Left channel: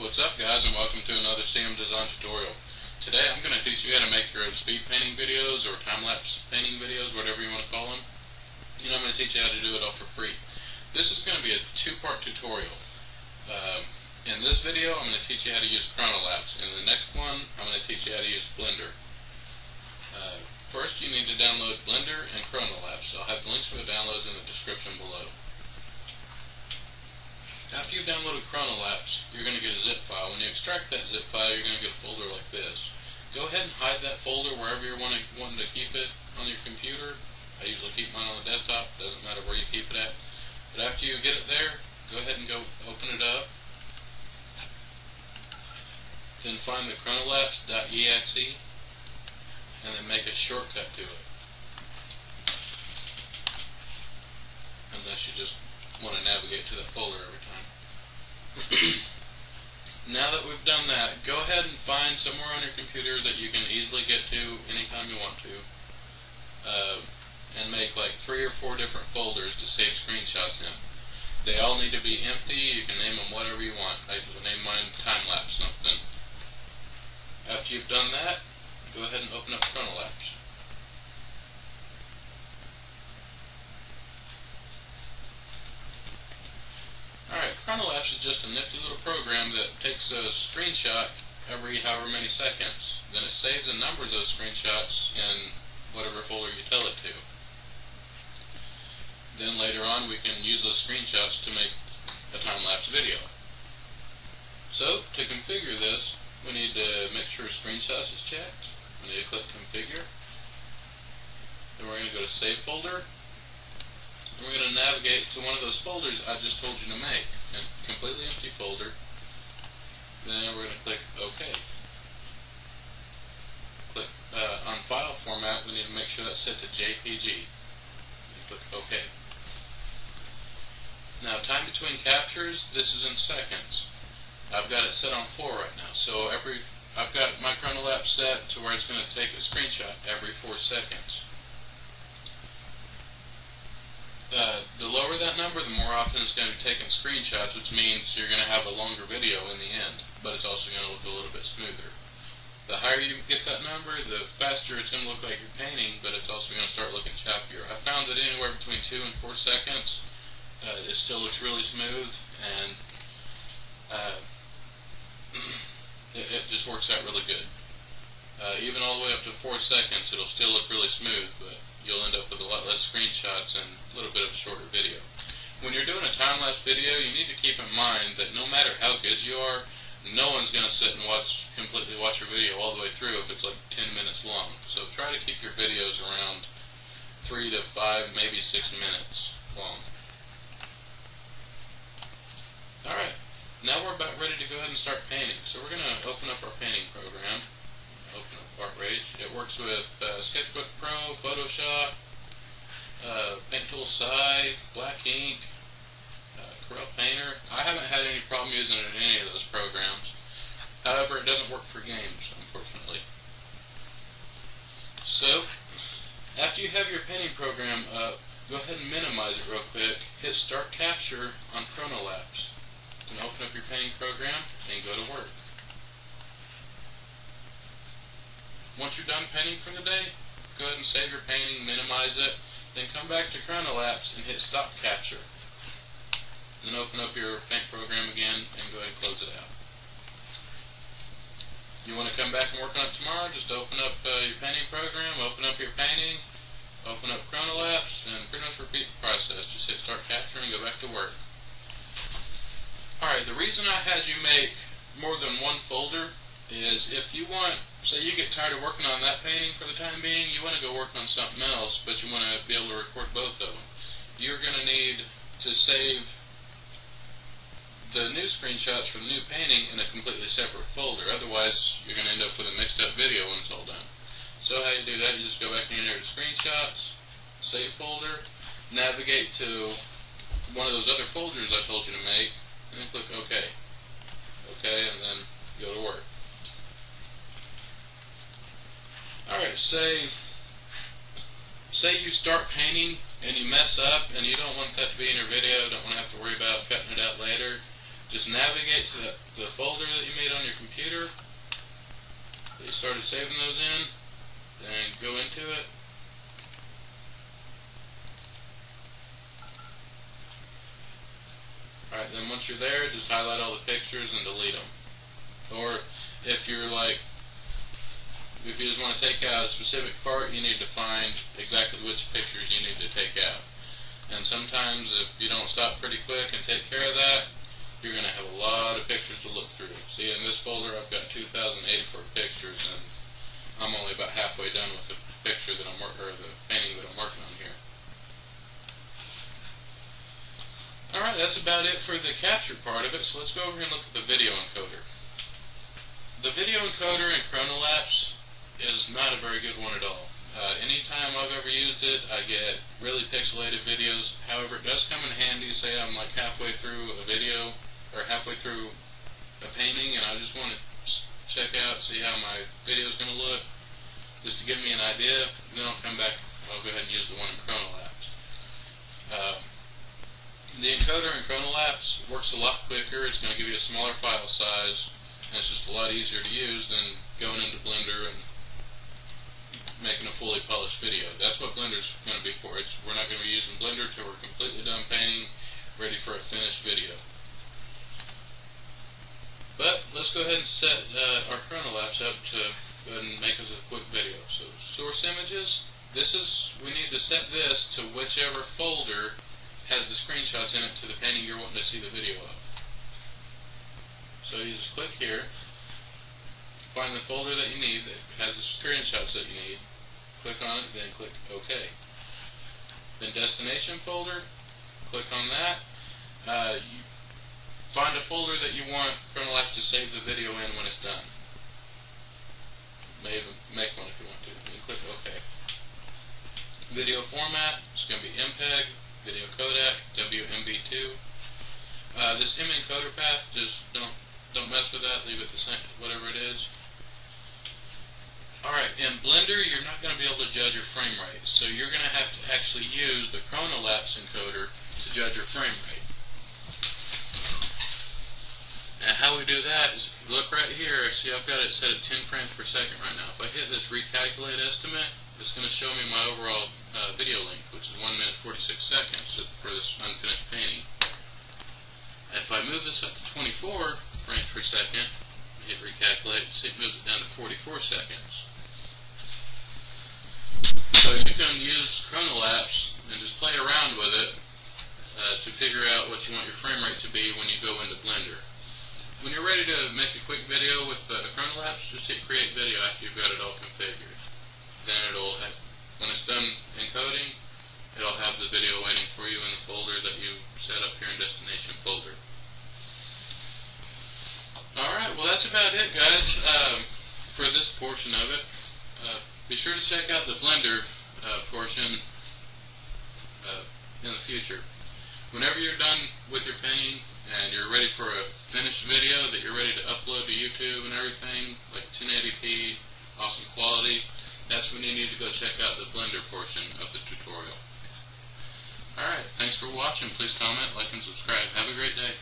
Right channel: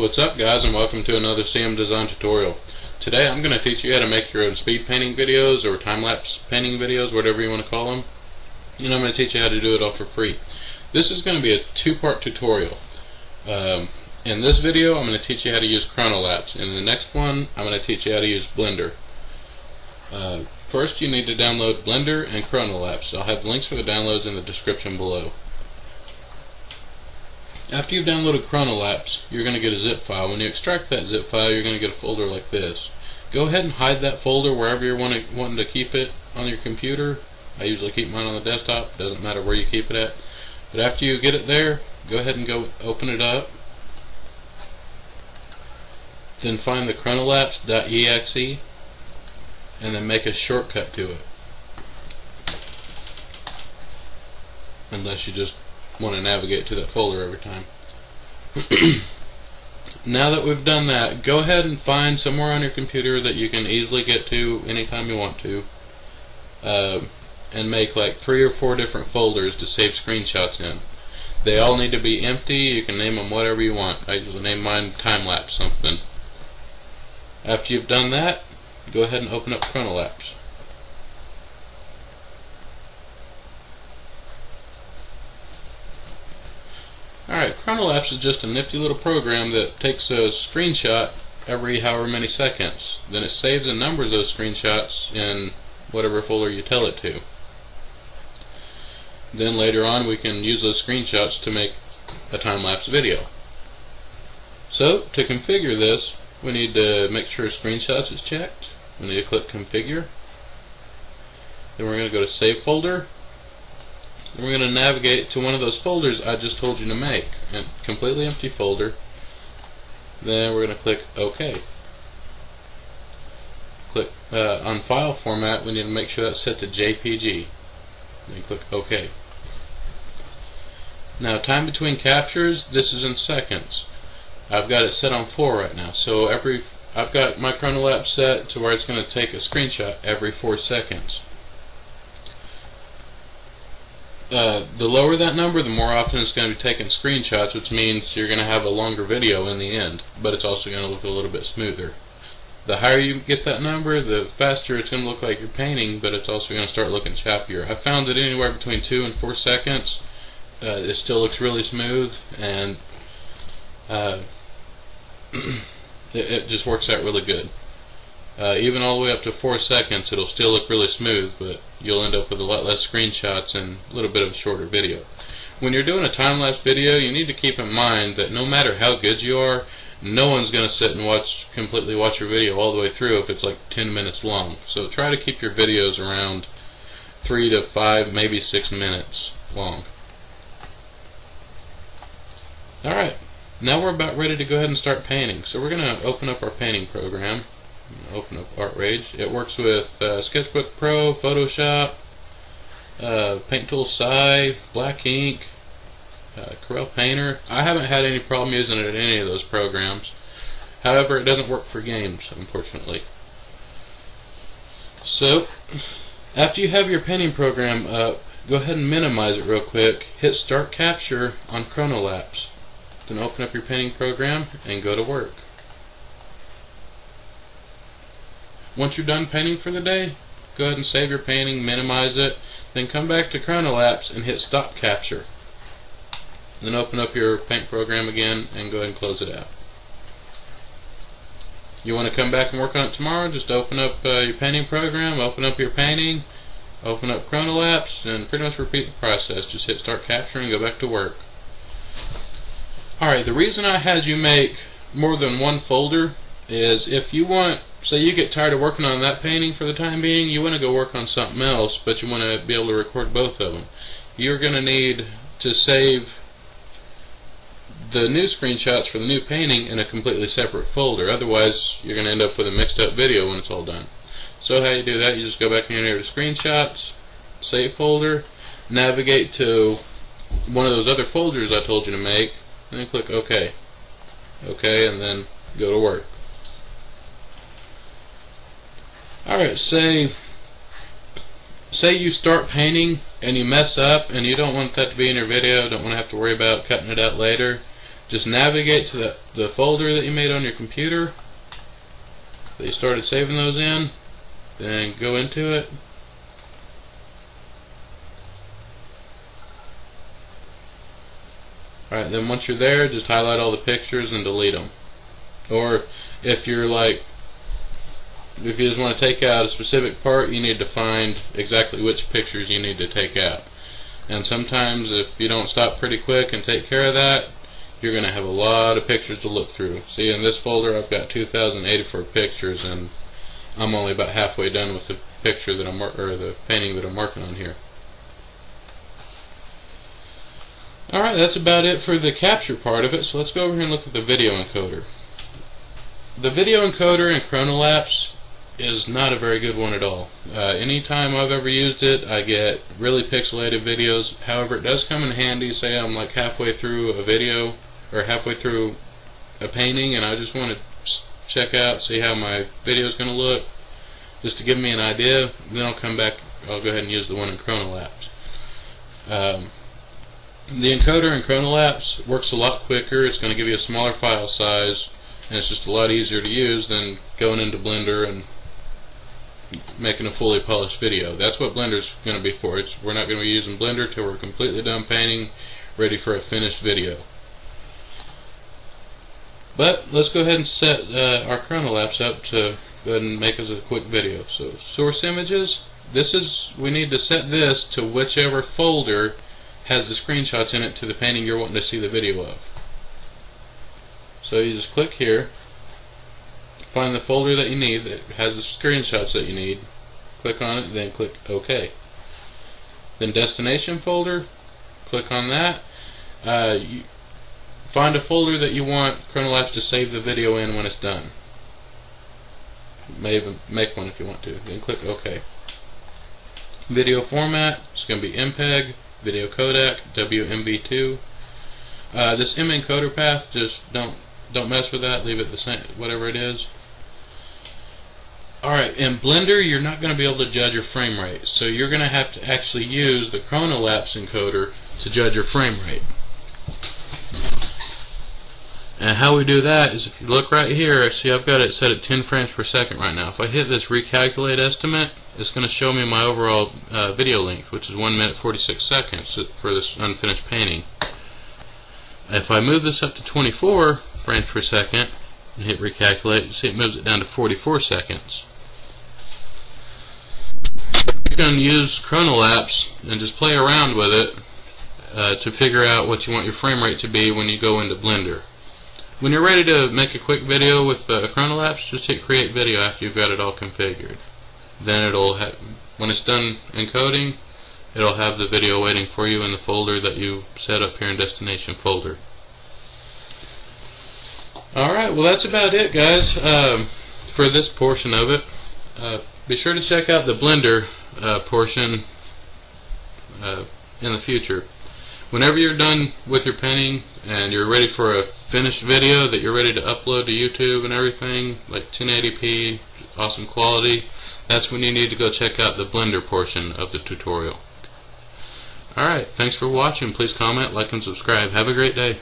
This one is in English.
What's up, guys, and welcome to another CM Design tutorial. Today I'm going to teach you how to make your own speed painting videos or time-lapse painting videos, whatever you want to call them. And I'm going to teach you how to do it all for free. This is going to be a two-part tutorial. In this video I'm going to teach you how to use Chronolapse. In the next one I'm going to teach you how to use Blender. First you need to download Blender and Chronolapse. I'll have links for the downloads in the description below. After you've downloaded Chronolapse, you're going to get a zip file. When you extract that zip file, you're going to get a folder like this. Go ahead and hide that folder wherever you're wanting to keep it on your computer. I usually keep mine on the desktop. Doesn't matter where you keep it at. But after you get it there, go ahead and go open it up. Then find the chronolapse.exe and then make a shortcut to it. Unless you just want to navigate to that folder every time. Now that we've done that, go ahead and find somewhere on your computer that you can easily get to anytime you want to, and make like 3 or 4 different folders to save screenshots in. They all need to be empty. You can name them whatever you want. I usually name mine time-lapse something. After you've done that, go ahead and open up Chronolapse. Alright, Chronolapse is just a nifty little program that takes a screenshot every however many seconds. Then it saves and numbers those screenshots in whatever folder you tell it to. Then later on we can use those screenshots to make a time-lapse video. So, to configure this, we need to make sure screenshots is checked. We need to click configure. Then we're going to go to save folder. And we're going to navigate to one of those folders I just told you to make, a completely empty folder. Then we're going to click OK. Click on file format. We need to make sure that's set to JPG. Then click OK. Now, time between captures, this is in seconds. I've got it set on 4 right now, so I've got my Chronolapse set to where it's going to take a screenshot every 4 seconds. The lower that number, the more often it's going to be taking screenshots, which means you're going to have a longer video in the end, but it's also going to look a little bit smoother. The higher you get that number, the faster it's going to look like you're painting, but it's also going to start looking choppier. I found that anywhere between 2 and 4 seconds, it still looks really smooth, and it just works out really good. Even all the way up to 4 seconds, it'll still look really smooth, but you'll end up with a lot less screenshots and a little bit of a shorter video. When you're doing a time-lapse video, you need to keep in mind that no matter how good you are, no one's going to sit and completely watch your video all the way through if it's like 10 minutes long. So try to keep your videos around 3 to 5, maybe 6 minutes long. Alright, now we're about ready to go ahead and start painting. So we're going to open up our painting program. Open up ArtRage. It works with Sketchbook Pro, Photoshop, Paint Tool Sci, Black Ink, Corel Painter. I haven't had any problem using it in any of those programs. However, it doesn't work for games, unfortunately. So, after you have your painting program up, go ahead and minimize it real quick. Hit Start Capture on Chronolapse. Then open up your painting program and go to work. Once you're done painting for the day, go ahead and save your painting, minimize it, then come back to Chronolapse and hit Stop Capture. Then open up your paint program again and go ahead and close it out. You want to come back and work on it tomorrow, just open up your painting program, open up your painting, open up Chronolapse, and pretty much repeat the process. Just hit Start Capture and go back to work. Alright, the reason I had you make more than one folder is if you want, say you get tired of working on that painting for the time being, you want to go work on something else, but you want to be able to record both of them. You're going to need to save the new screenshots for the new painting in a completely separate folder. Otherwise, you're going to end up with a mixed up video when it's all done. So how you do that, you just go back in here to Screenshots, Save Folder, navigate to one of those other folders I told you to make, and then click OK. OK, and then go to work. Alright, say you start painting and you mess up and you don't want that to be in your video, don't want to have to worry about cutting it out later. just navigate to the folder that you made on your computer that you started saving those in, then go into it. Alright, then once you're there, just highlight all the pictures and delete them. Or if you're like, if you just want to take out a specific part, you need to find exactly which pictures you need to take out. And sometimes if you don't stop pretty quick and take care of that, you're going to have a lot of pictures to look through. See, in this folder I've got 2,084 pictures, and I'm only about halfway done with the picture that the painting that I'm working on here. Alright, that's about it for the capture part of it, so let's go over here and look at the video encoder. The video encoder in Chronolapse is not a very good one at all. Anytime I've ever used it, I get really pixelated videos. However, it does come in handy. Say I'm like halfway through a video or halfway through a painting and I just want to check out, see how my video is going to look, just to give me an idea. Then I'll come back, I'll go ahead and use the one in Chronolapse. The encoder in Chronolapse works a lot quicker. It's going to give you a smaller file size, and it's just a lot easier to use than going into Blender and making a fully polished video. That's what Blender's going to be for. We're not going to be using Blender till we're completely done painting, ready for a finished video. But let's go ahead and set our Chronolapse up to go ahead and make us a quick video. So source images, we need to set this to whichever folder has the screenshots in it to the painting you're wanting to see the video of. So you just click here, find the folder that you need that has the screenshots that you need, click on it, then click OK. Then destination folder, click on that. Find a folder that you want Chronolapse to save the video in when it's done. You may even make one if you want to. Then click OK. Video format, it's going to be MPEG, video codec, WMV2. This encoder path, just don't mess with that. Leave it the same, whatever it is. Alright, in Blender you're not going to be able to judge your frame rate, so you're going to have to actually use the Chronolapse encoder to judge your frame rate. And how we do that is, if you look right here, see I've got it set at 10 frames per second right now. If I hit this recalculate estimate, it's going to show me my overall video length, which is 1 minute 46 seconds for this unfinished painting. If I move this up to 24 frames per second and hit recalculate, you see it moves it down to 44 seconds. So you can use Chronolapse and just play around with it to figure out what you want your frame rate to be when you go into Blender. When you're ready to make a quick video with Chronolapse, just hit create video after you've got it all configured. Then it'll when it's done encoding, it'll have the video waiting for you in the folder that you set up here in destination folder. Alright, well that's about it, guys, for this portion of it. Be sure to check out the Blender portion in the future. Whenever you're done with your painting and you're ready for a finished video that you're ready to upload to YouTube and everything, like 1080p, awesome quality, that's when you need to go check out the Blender portion of the tutorial. Alright, thanks for watching. Please comment, like, and subscribe. Have a great day.